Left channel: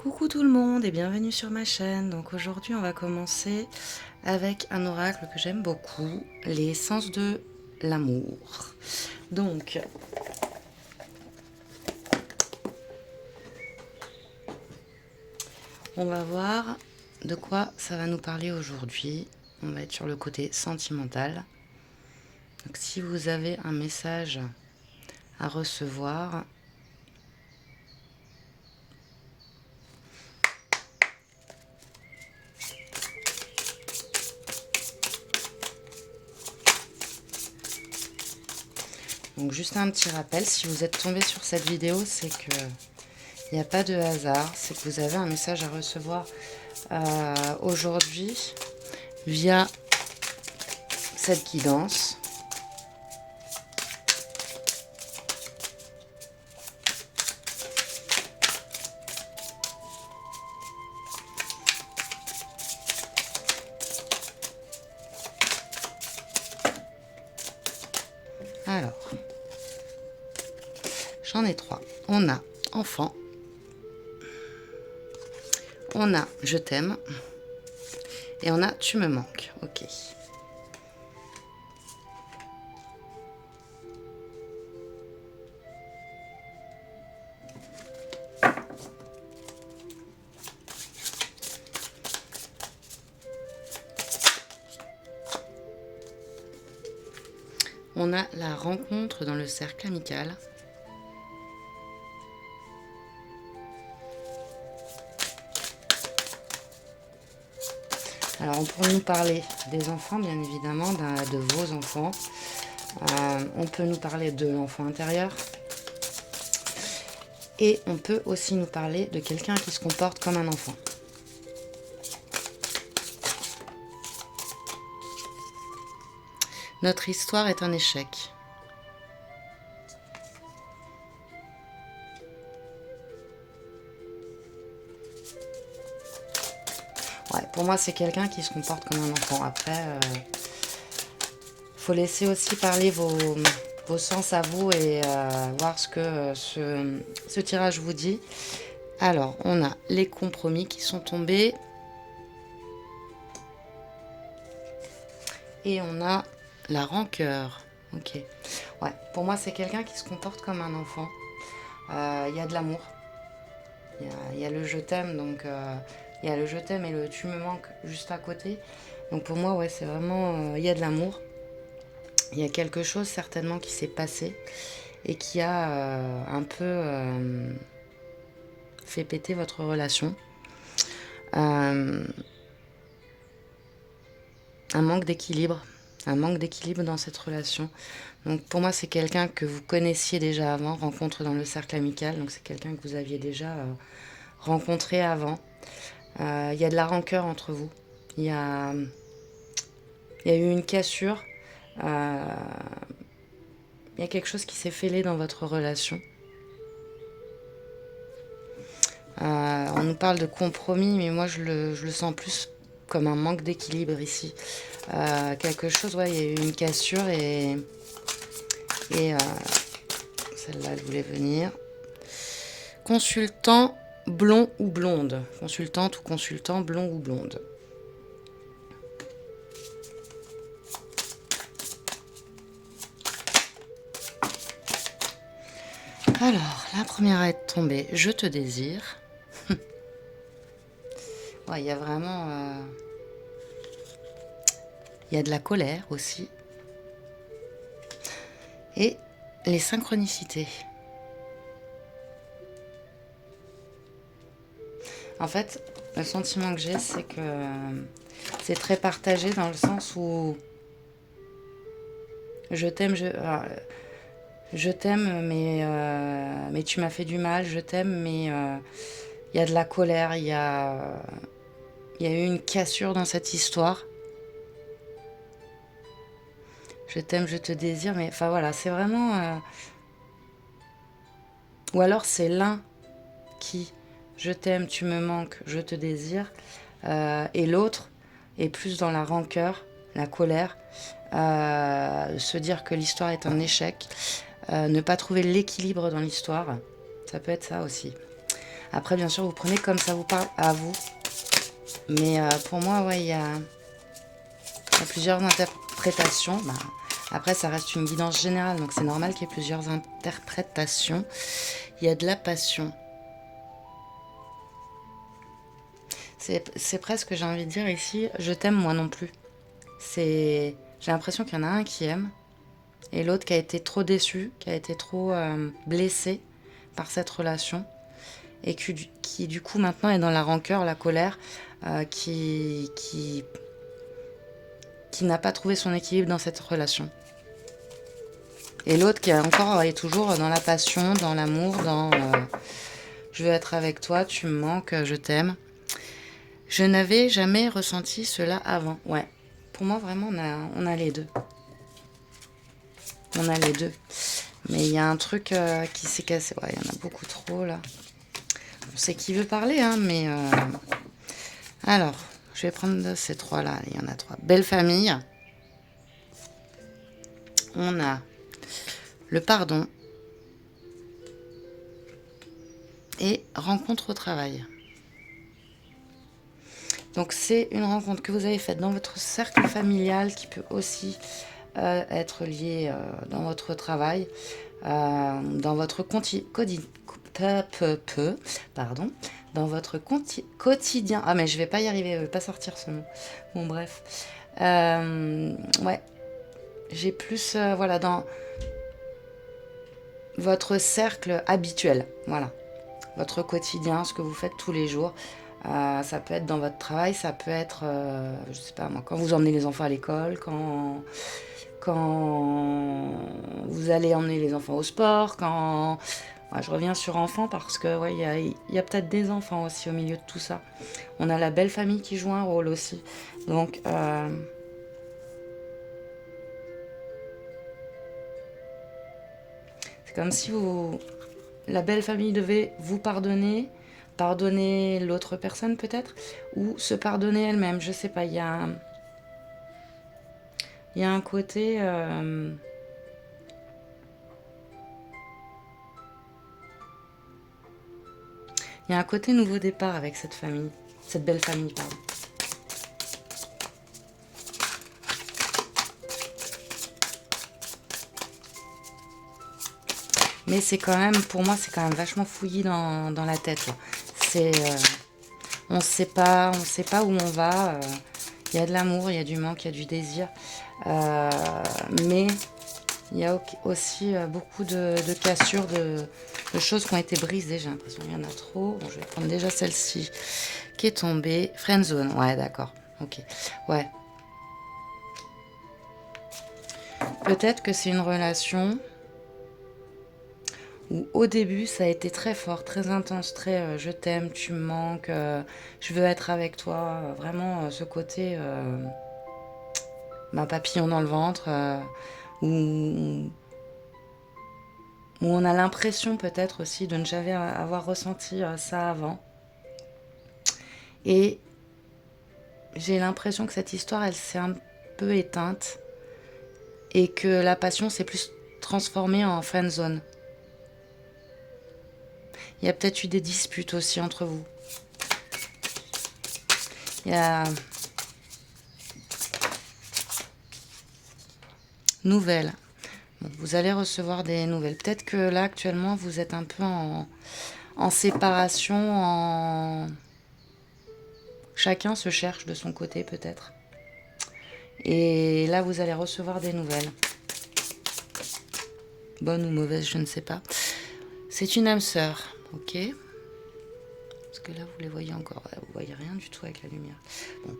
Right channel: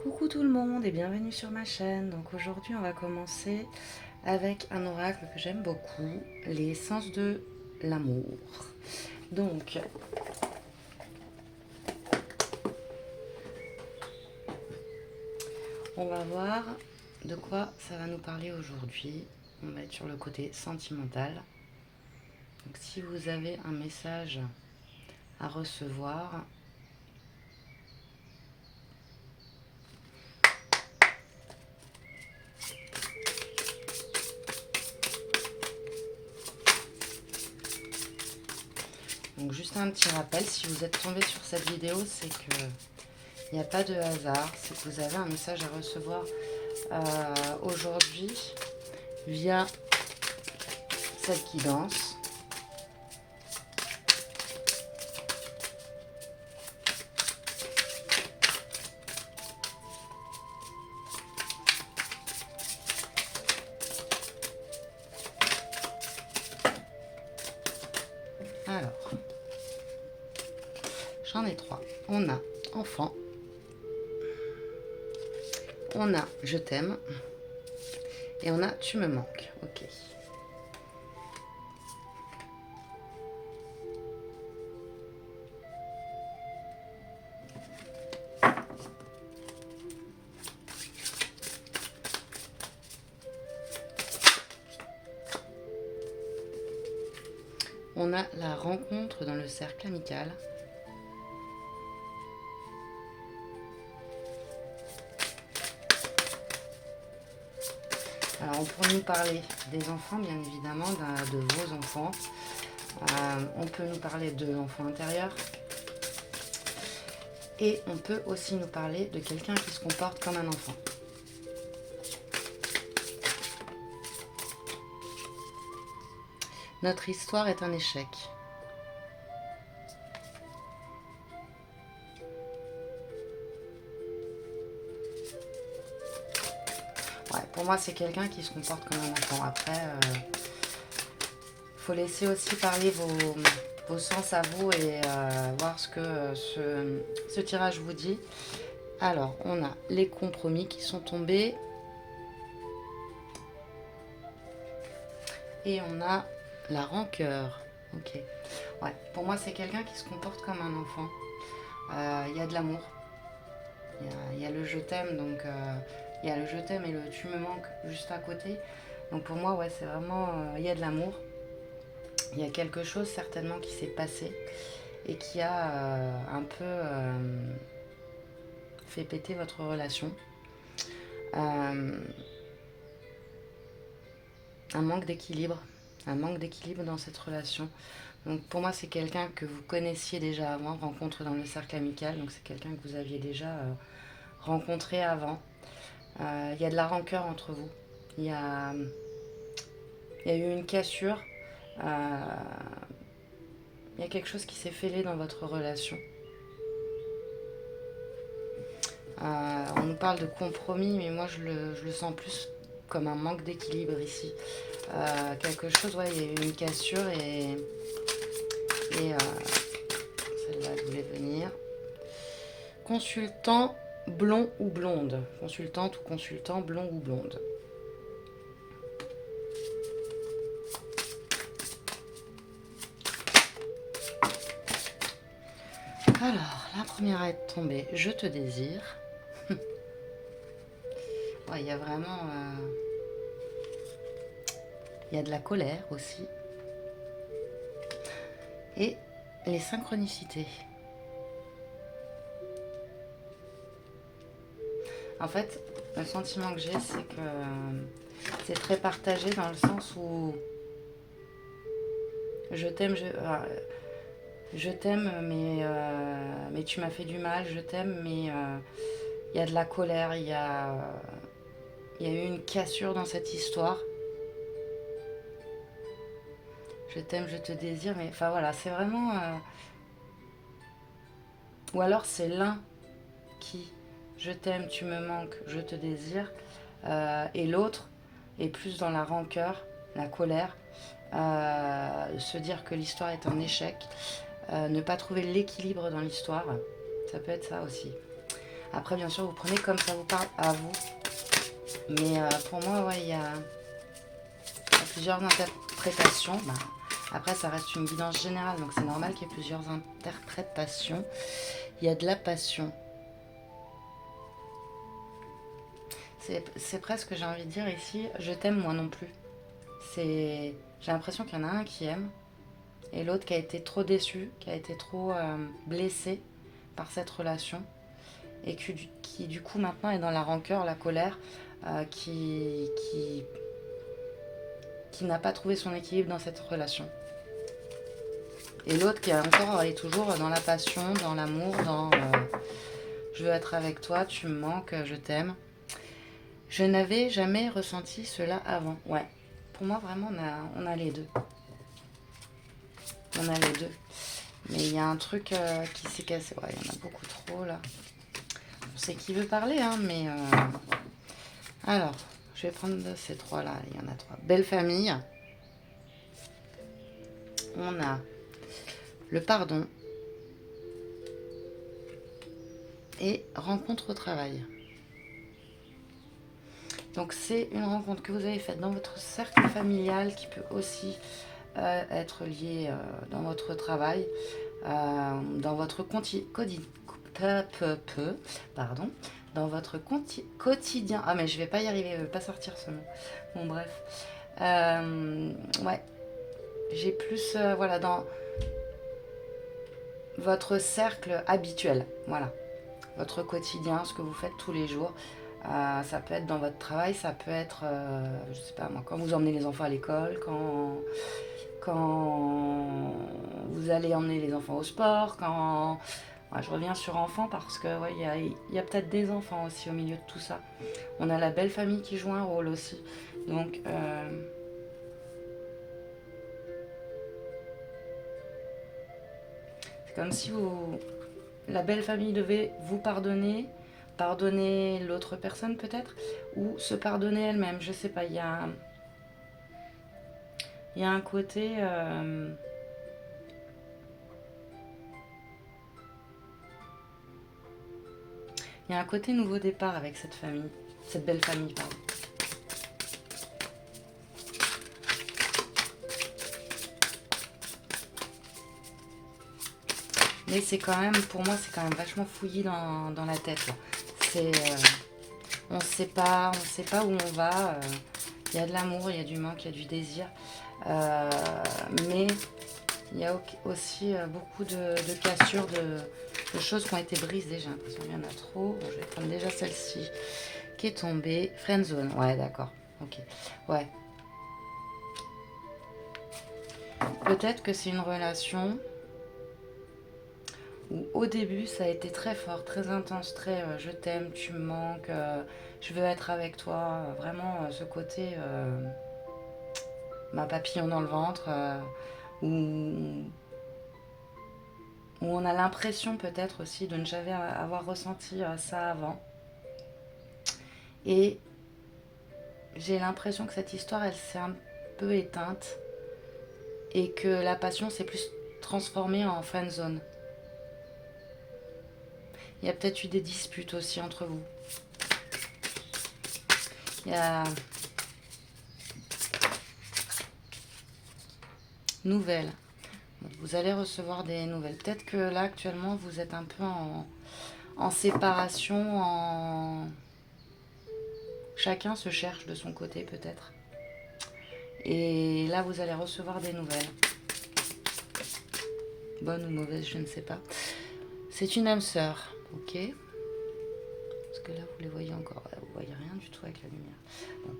Coucou tout le monde et bienvenue sur ma chaîne. Donc aujourd'hui on va commencer avec un oracle que j'aime beaucoup, les sens de l'amour. Donc on va voir de quoi ça va nous parler aujourd'hui. On va être sur le côté sentimental. Donc si vous avez un message à recevoir, donc juste un petit rappel, si vous êtes tombé sur cette vidéo, c'est que il n'y a pas de hasard, c'est que vous avez un message à recevoir aujourd'hui via cette guidance. Alors, j'en ai trois. On a enfant, on a je t'aime et on a tu me manques. Ok. On a la rencontre dans le cercle amical. Alors on pourrait nous parler des enfants, bien évidemment, de vos enfants. On peut nous parler de l'enfant intérieur. Et on peut aussi nous parler de quelqu'un qui se comporte comme un enfant. Notre histoire est un échec. Ouais, pour moi, c'est quelqu'un qui se comporte comme un enfant. Après, faut laisser aussi parler vos sens à vous et voir ce que ce tirage vous dit. Alors, on a les compromis qui sont tombés. Et on a la rancœur. Ok. Ouais, pour moi, c'est quelqu'un qui se comporte comme un enfant. Il y a de l'amour. Il y a le je t'aime, donc il y a le je t'aime et le tu me manques juste à côté. Donc pour moi, ouais, c'est vraiment, il y a de l'amour. Il y a quelque chose certainement qui s'est passé et qui a un peu fait péter votre relation. Un manque d'équilibre. Un manque d'équilibre dans cette relation. Donc pour moi, c'est quelqu'un que vous connaissiez déjà avant, rencontre dans le cercle amical. Donc c'est quelqu'un que vous aviez déjà rencontré avant. Il y a de la rancœur entre vous. Il y a eu une cassure. Euh, il y a quelque chose qui s'est fêlé dans votre relation. On nous parle de compromis, mais moi je le sens plus comme un manque d'équilibre ici. Quelque chose, ouais, il y a eu une cassure et celle-là, elle voulait venir. Consultant blond ou blonde. Consultante ou consultant blond ou blonde. Alors, la première à être tombée, je te désire. Ouais, il y a vraiment... il y a de la colère aussi. Et les synchronicités. En fait, le sentiment que j'ai, c'est que c'est très partagé dans le sens où je t'aime, je t'aime, mais tu m'as fait du mal, je t'aime, mais il y a de la colère, il y a eu une cassure dans cette histoire. Je t'aime, je te désire, mais enfin voilà, c'est vraiment... Ou alors c'est l'un qui, je t'aime, tu me manques, je te désire, et l'autre est plus dans la rancœur, la colère, se dire que l'histoire est un échec, ne pas trouver l'équilibre dans l'histoire, ça peut être ça aussi. Après, bien sûr, vous prenez comme ça vous parle à vous. Mais pour moi, ouais, il y a plusieurs interprétations. Bah, après, ça reste une guidance générale, donc c'est normal qu'il y ait plusieurs interprétations. Il y a de la passion. C'est presque, j'ai envie de dire ici, je t'aime moi non plus. J'ai l'impression qu'il y en a un qui aime et l'autre qui a été trop déçu, qui a été trop blessé par cette relation et qui du coup maintenant est dans la rancœur, la colère, qui n'a pas trouvé son équilibre dans cette relation. Et l'autre qui est toujours dans la passion, dans l'amour, dans je veux être avec toi, tu me manques, je t'aime. Je n'avais jamais ressenti cela avant. Ouais, pour moi vraiment on a les deux. On a les deux. Mais il y a un truc qui s'est cassé. Ouais, il y en a beaucoup trop là. On sait qui veut parler, hein, mais... Alors, je vais prendre ces trois-là. Il y en a trois. Belle famille. On a le pardon. Et rencontre au travail. Donc, c'est une rencontre que vous avez faite dans votre cercle familial qui peut aussi être liée dans votre travail, dans votre dans votre quotidien. Ah, mais je vais pas y arriver, je vais pas sortir ce mot. Bon, bref. Ouais. J'ai plus, voilà, dans votre cercle habituel. Voilà. Votre quotidien, ce que vous faites tous les jours. Ça peut être dans votre travail, ça peut être, je sais pas moi, quand vous emmenez les enfants à l'école, quand vous allez emmener les enfants au sport, quand... Ouais, je reviens sur enfants parce que ouais, y a peut-être des enfants aussi au milieu de tout ça. On a la belle famille qui joue un rôle aussi. Donc, c'est comme si la belle famille devait vous pardonner, pardonner l'autre personne peut-être, ou se pardonner elle-même. Je sais pas, il y a un côté... Il y a un côté nouveau départ avec cette famille, cette belle famille, pardon. Mais c'est quand même, pour moi, c'est quand même vachement fouillis dans la tête. C'est, on ne sait pas où on va. Il y a de l'amour, il y a du manque, il y a du désir. Mais il y a aussi beaucoup de cassures, de choses qui ont été brisées. J'ai l'impression qu'il y en a trop. Bon, je vais prendre déjà celle-ci qui est tombée. Friendzone, ouais, d'accord. Ok, ouais. Peut-être que c'est une relation où au début ça a été très fort, très intense, très je t'aime, tu me manques, je veux être avec toi. Vraiment ce côté papillon dans le ventre, où on a l'impression peut-être aussi de ne jamais avoir ressenti ça avant. Et j'ai l'impression que cette histoire, elle s'est un peu éteinte et que la passion s'est plus transformée en friendzone. Il y a peut-être eu des disputes aussi entre vous. Il y a... Nouvelles. Vous allez recevoir des nouvelles. Peut-être que là, actuellement, vous êtes un peu en séparation, chacun se cherche de son côté, peut-être. Et là, vous allez recevoir des nouvelles. Bonne ou mauvaise, je ne sais pas. C'est une âme sœur, ok? Parce que là, vous les voyez encore. Vous voyez rien du tout avec la lumière. Bon.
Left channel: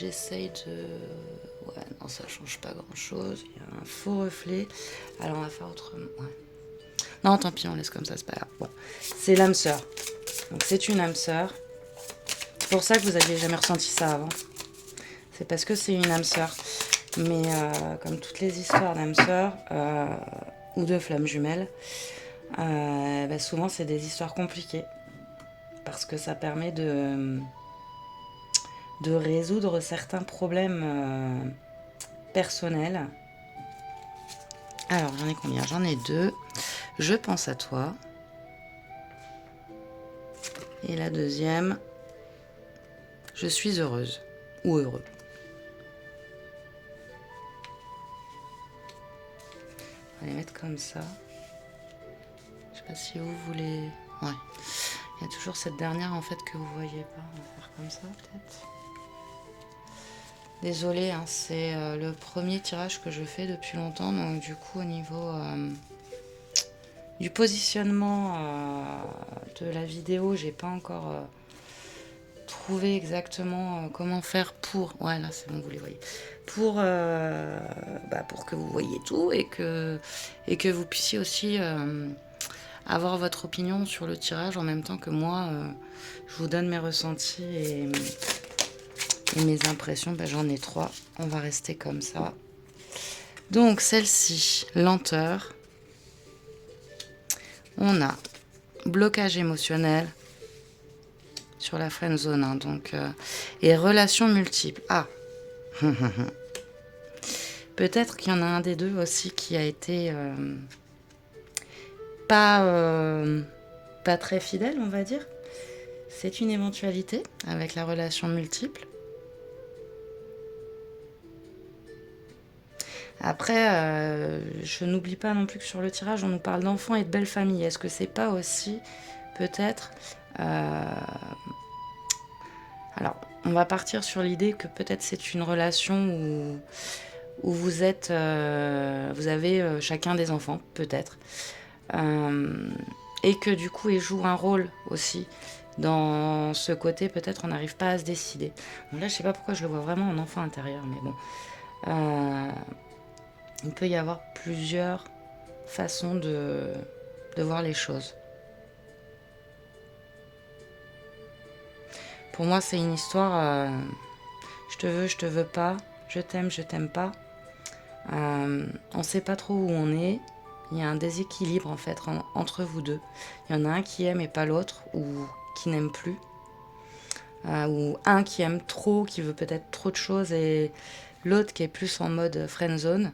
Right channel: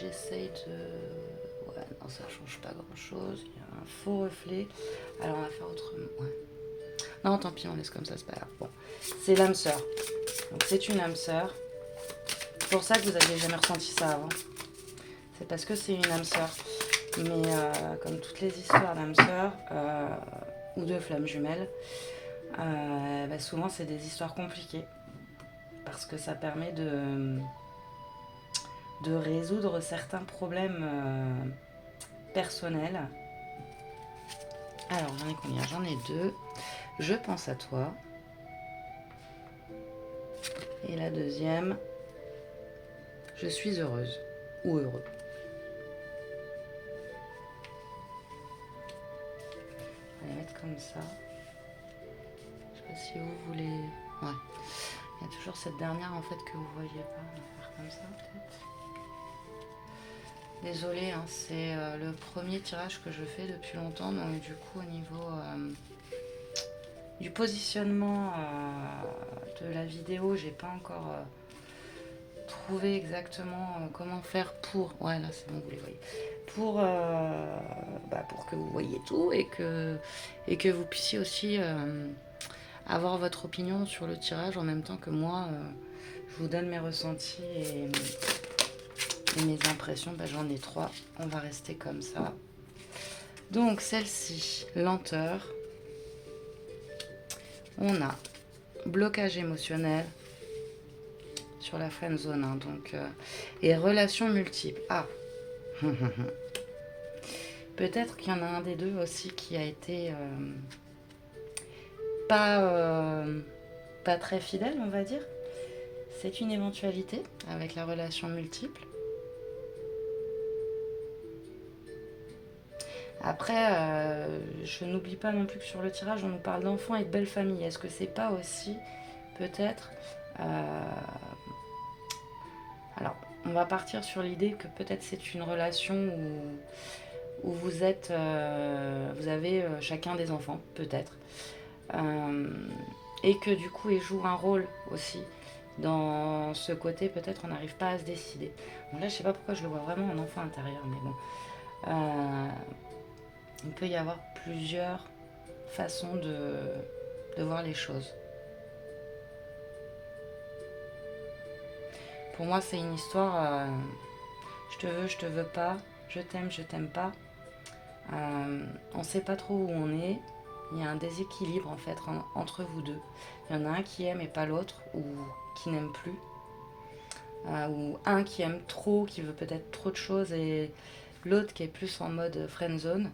J'essaye de... Ouais, non, ça change pas grand-chose. Il y a un faux reflet. Alors, on va faire autrement. Ouais. Non, tant pis, on laisse comme ça, c'est pas grave. Bon. C'est l'âme sœur. Donc, c'est une âme sœur. C'est pour ça que vous n'aviez jamais ressenti ça avant. C'est parce que c'est une âme sœur. Mais comme toutes les histoires d'âme sœur ou de flammes jumelles, souvent, c'est des histoires compliquées. Parce que ça permet de résoudre certains problèmes personnels Alors, j'en ai combien? J'en ai 2. Je pense à toi. Et la deuxième, je suis heureuse ou heureux. On va les mettre comme ça. Je sais pas si vous voulez... Ouais. Il y a toujours cette dernière en fait que vous voyez pas. On va faire comme ça peut-être. Désolée, hein, c'est le premier tirage que je fais depuis longtemps. Donc du coup au niveau du positionnement de la vidéo, j'ai pas encore trouvé exactement comment faire pour... Ouais, là c'est bon, vous les voyez. Pour que vous voyez tout et que vous puissiez aussi avoir votre opinion sur le tirage en même temps que moi. Je vous donne mes ressentis et mes impressions. J'en ai 3. On va rester comme ça. Donc celle-ci, lenteur. On a blocage émotionnel sur la friend zone, hein, donc, et relations multiples. Ah, peut-être qu'il y en a un des deux aussi qui a été pas très fidèle, on va dire. C'est une éventualité avec la relation multiple. Après, je n'oublie pas non plus que sur le tirage, on nous parle d'enfants et de belles familles. Est-ce que c'est pas aussi, peut-être... Alors, on va partir sur l'idée que peut-être c'est une relation où vous êtes... vous avez chacun des enfants, peut-être. Et que du coup, ils jouent un rôle aussi dans ce côté, peut-être on n'arrive pas à se décider. Donc là, je sais pas pourquoi je le vois vraiment en enfant intérieur, mais bon... il peut y avoir plusieurs façons de voir les choses. Pour moi, c'est une histoire je te veux pas, je t'aime pas. On ne sait pas trop où on est. Il y a un déséquilibre en fait entre vous deux. Il y en a un qui aime et pas l'autre, ou qui n'aime plus. Ou un qui aime trop, qui veut peut-être trop de choses, et l'autre qui est plus en mode friend zone.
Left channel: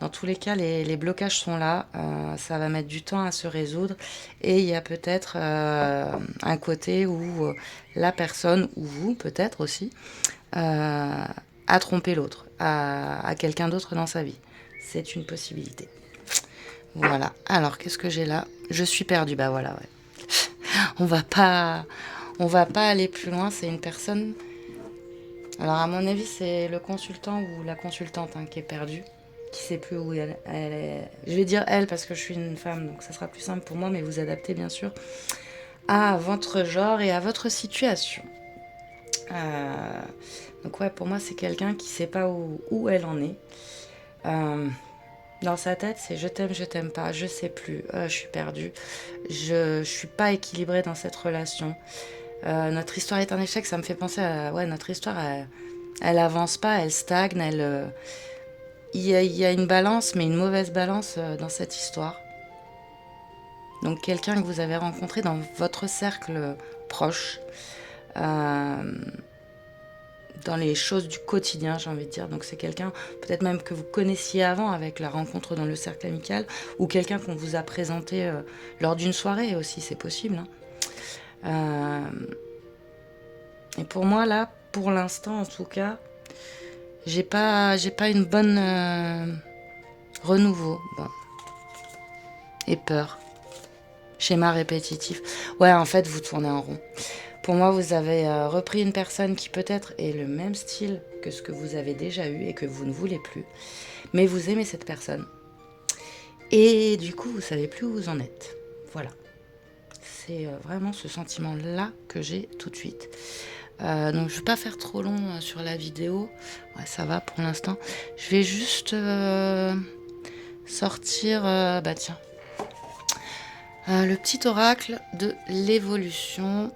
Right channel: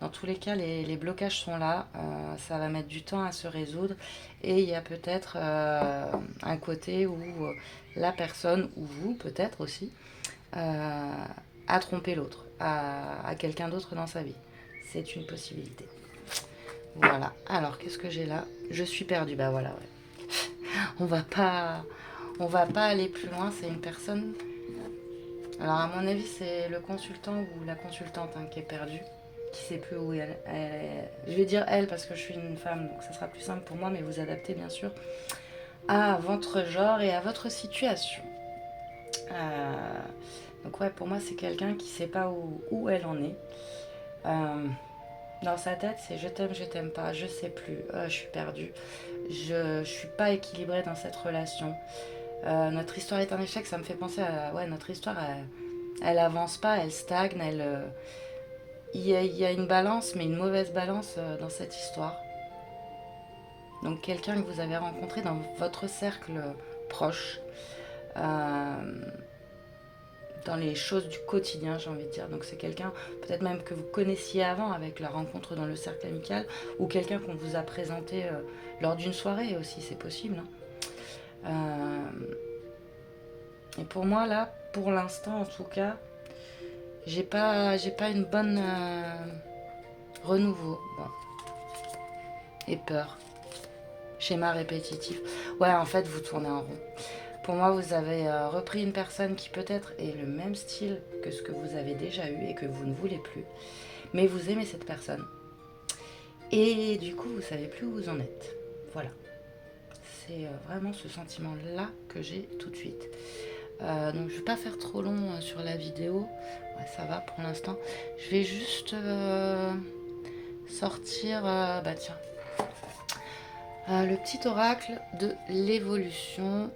Dans tous les cas, les blocages sont là. Ça va mettre du temps à se résoudre. Et il y a peut-être un côté où la personne, ou vous peut-être aussi, a trompé l'autre, a quelqu'un d'autre dans sa vie. C'est une possibilité. Voilà. Alors, qu'est-ce que j'ai là? Je suis perdue. Bah voilà, ouais. On va pas aller plus loin. C'est une personne... Alors, à mon avis, c'est le consultant ou la consultante qui est perdue, qui sait plus où elle est. Je vais dire elle parce que je suis une femme, donc ça sera plus simple pour moi, mais vous adaptez bien sûr à votre genre et à votre situation. Donc ouais, pour moi, c'est quelqu'un qui sait pas où elle en est. Dans sa tête, c'est je t'aime pas, je sais plus, je suis perdue, je suis pas équilibrée dans cette relation. Notre histoire est un échec, ça me fait penser à... Ouais, notre histoire, elle avance pas, elle stagne, il y a une balance, mais une mauvaise balance dans cette histoire. Donc quelqu'un que vous avez rencontré dans votre cercle proche, dans les choses du quotidien, j'ai envie de dire. Donc c'est quelqu'un peut-être même que vous connaissiez avant avec la rencontre dans le cercle amical, ou quelqu'un qu'on vous a présenté lors d'une soirée aussi, c'est possible. Et pour moi là, pour l'instant en tout cas, j'ai pas une bonne renouveau. Bon. Et peur. Schéma répétitif. Ouais, en fait, vous tournez en rond. Pour moi, vous avez repris une personne qui peut-être est le même style que ce que vous avez déjà eu et que vous ne voulez plus. Mais vous aimez cette personne. Et du coup, vous savez plus où vous en êtes. Voilà. C'est vraiment ce sentiment-là que j'ai tout de suite. Donc, je ne vais pas faire trop long sur la vidéo. Ouais, ça va pour l'instant. Je vais juste sortir... tiens. Le petit oracle de l'évolution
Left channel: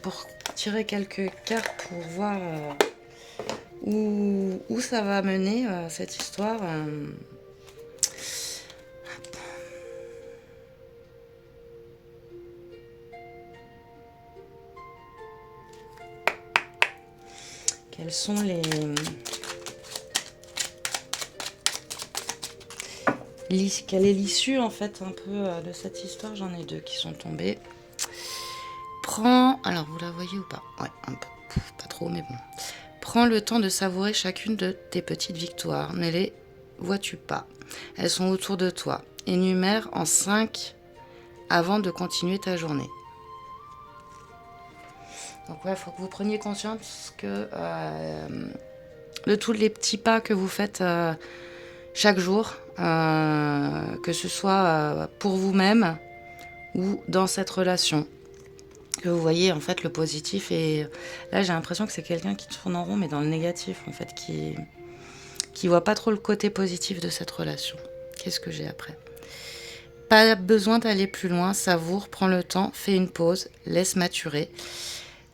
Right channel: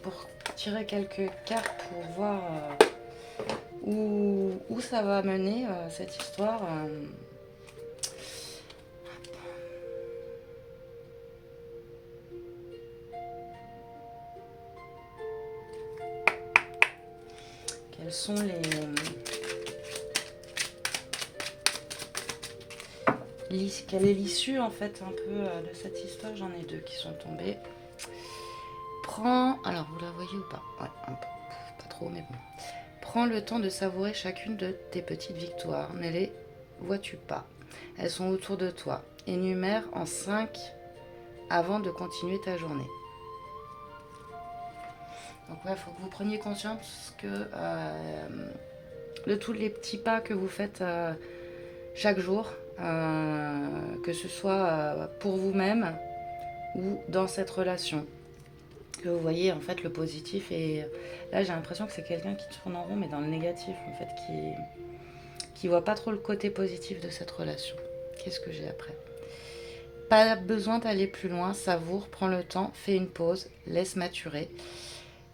pour tirer quelques cartes pour voir où ça va mener cette histoire. Quelles sont quelle est l'issue en fait un peu de cette histoire? J'en ai deux qui sont tombés. Prends, alors vous la voyez ou pas? Ouais, un peu, pas trop, mais bon. Prends le temps de savourer chacune de tes petites victoires. Ne les vois-tu pas? Elles sont autour de toi. Énumère en 5 avant de continuer ta journée. Donc ouais, il faut que vous preniez conscience que de tous les petits pas que vous faites chaque jour, que ce soit pour vous-même ou dans cette relation, que vous voyez en fait le positif. Et là j'ai l'impression que c'est quelqu'un qui tourne en rond mais dans le négatif en fait, qui voit pas trop le côté positif de cette relation. Qu'est-ce que j'ai après? Pas besoin d'aller plus loin, savoure, prends le temps, fais une pause, laisse maturer.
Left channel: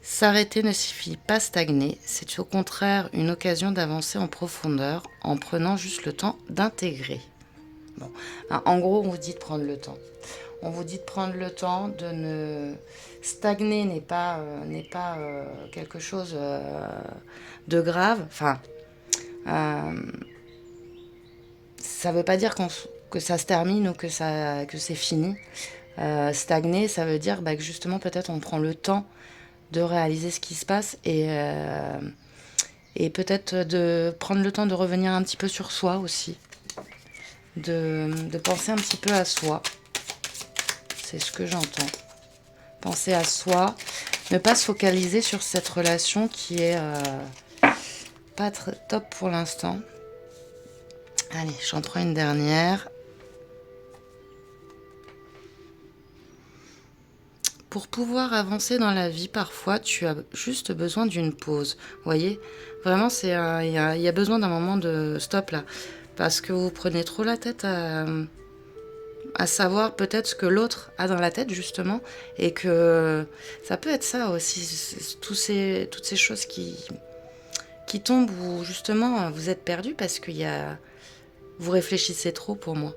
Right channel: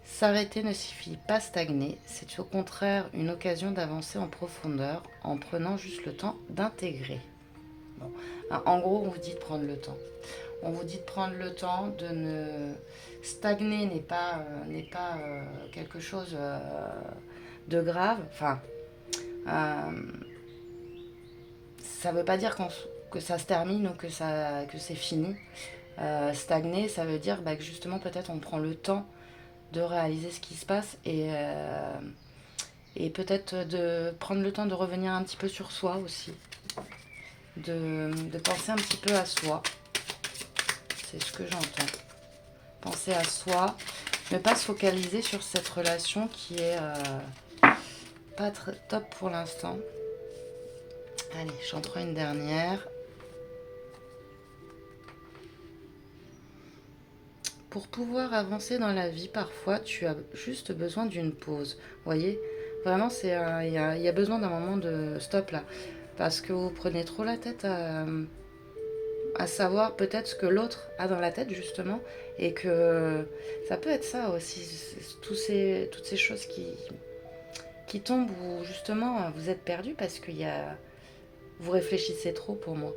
S'arrêter ne signifie pas stagner, c'est au contraire une occasion d'avancer en profondeur en prenant juste le temps d'intégrer. Bon. En gros, on vous dit de prendre le temps. On vous dit de prendre le temps, de ne... Stagner n'est pas quelque chose de grave. Enfin, ça ne veut pas dire que ça se termine ou que c'est fini. Stagner, ça veut dire que justement, peut-être on prend le temps de réaliser ce qui se passe et peut-être de prendre le temps de revenir un petit peu sur soi aussi, de penser un petit peu à soi. C'est ce que j'entends. Penser à soi, ne pas se focaliser sur cette relation qui est pas très top pour l'instant. Allez, j'en prends une dernière. Pour pouvoir avancer dans la vie, parfois, tu as juste besoin d'une pause. Vous voyez, vraiment, il y a besoin d'un moment de stop là. Parce que vous prenez trop la tête à savoir peut-être ce que l'autre a dans la tête, justement. Et que ça peut être ça aussi, toutes ces choses qui tombent où, justement, vous êtes perdu parce que vous réfléchissez trop pour moi.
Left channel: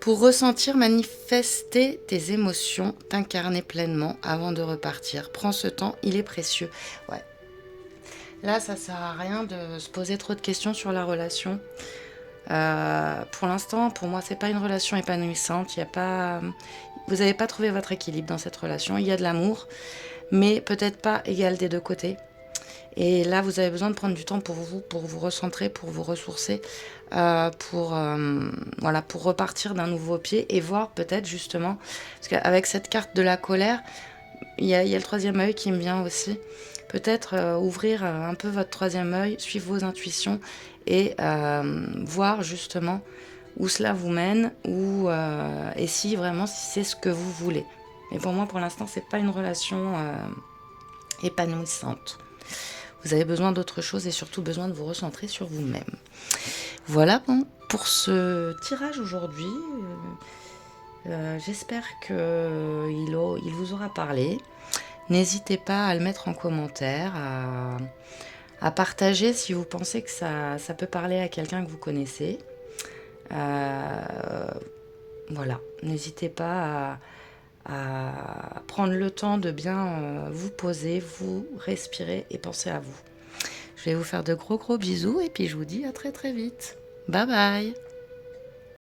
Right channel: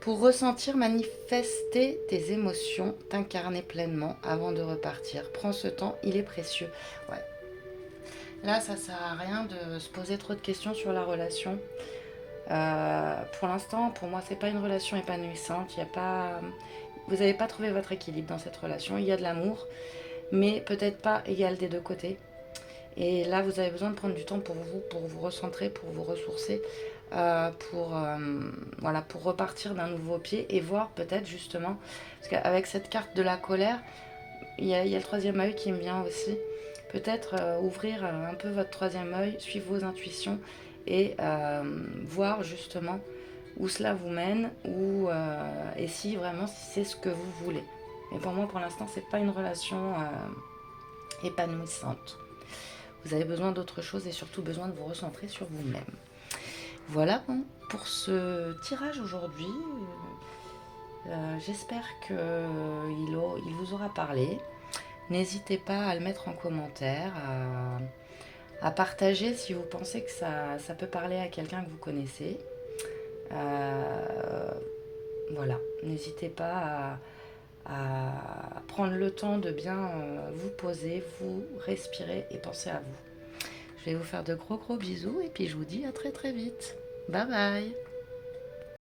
Pour ressentir, manifester tes émotions, t'incarner pleinement avant de repartir. Prends ce temps, il est précieux. Ouais. Là, ça sert à rien de se poser trop de questions sur la relation. Pour l'instant, pour moi, c'est pas une relation épanouissante. Vous n'avez pas trouvé votre équilibre dans cette relation. Il y a de l'amour, mais peut-être pas égal des deux côtés. Et là, vous avez besoin de prendre du temps pour vous recentrer, pour vous ressourcer, pour repartir d'un nouveau pied et voir peut-être justement, parce qu'avec cette carte de la colère, il y a le troisième œil qui me vient aussi. Peut-être ouvrir un peu votre troisième œil, suivre vos intuitions et voir justement où cela vous mène et si c'est ce que vous voulez. Mais pour moi, pour l'instant, c'est pas une relation épanouissante. Vous avez besoin d'autre chose et surtout besoin de vous recentrer sur vous-même. Voilà pour ce tirage aujourd'hui. J'espère qu'il vous aura parlé. N'hésitez pas à le mettre en commentaire, à partager si vous pensez que ça peut parler à quelqu'un que vous connaissez. Voilà, n'hésitez pas à prendre le temps de bien vous poser, vous respirer et penser à vous. Je vais vous faire de gros bisous et puis je vous dis à très très vite. Bye bye.